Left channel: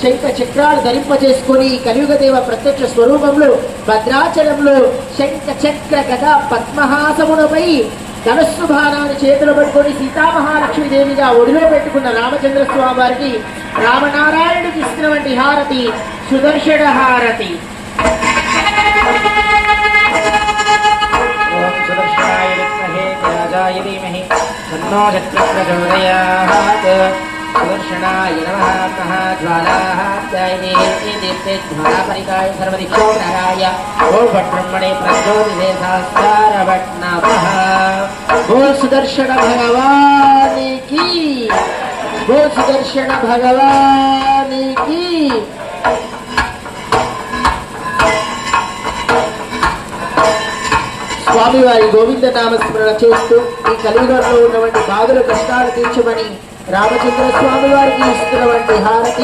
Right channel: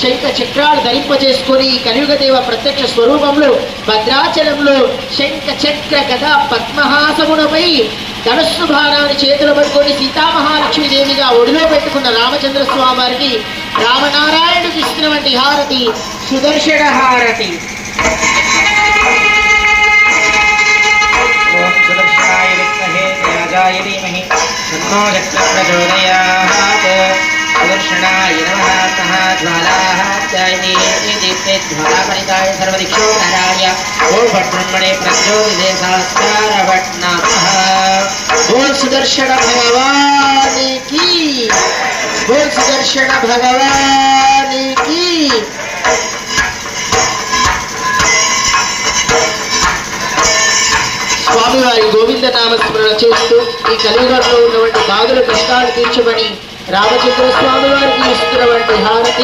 శంఖ చక్రాలు ధరింపజేసుకొని కలియుగదేవ ప్రత్యక్ష స్వరూపంలో భద్రాచలంలో శంఖ చక్ర గదా పద్మహాసమునపై ధనస్సు భారాన్ని చేతులు పట్టుకొని సీతామహాలక్ష్మీదేవిగా ఒడిలో పెట్టుకున్న రామచంద్ర స్వామి వారికి రామనారాయణుడికి ఇస్తున్నటువంటి హారతి సుదర్శన హారతి. సుదర్శనాయ విద్మహే త్యాగాయ ధీమహి తన్నో ప్రచోదయాత్. సుదర్శనాయ నమః జ్వాలాః త్యాయతే దీప్తే జ్వాలాపరితాయ సర్వదిక్షో జ్ఞానాయ ఓం బ్రహ్మణే ప్రచోదితే సహస్రారవట్ నమః. बोल सुदर्शन भगवान की, बोल सुदर्शन भगवान की. స్వామివారి గోవింద నామస్మరణ చేస్తూ ఈ కలియుగంలో ఉన్నటువంటి బాధలు కష్టాలు తీర్చమని రామచంద్ర స్వామి వారికి ఇస్తున్నటువంటి హారతి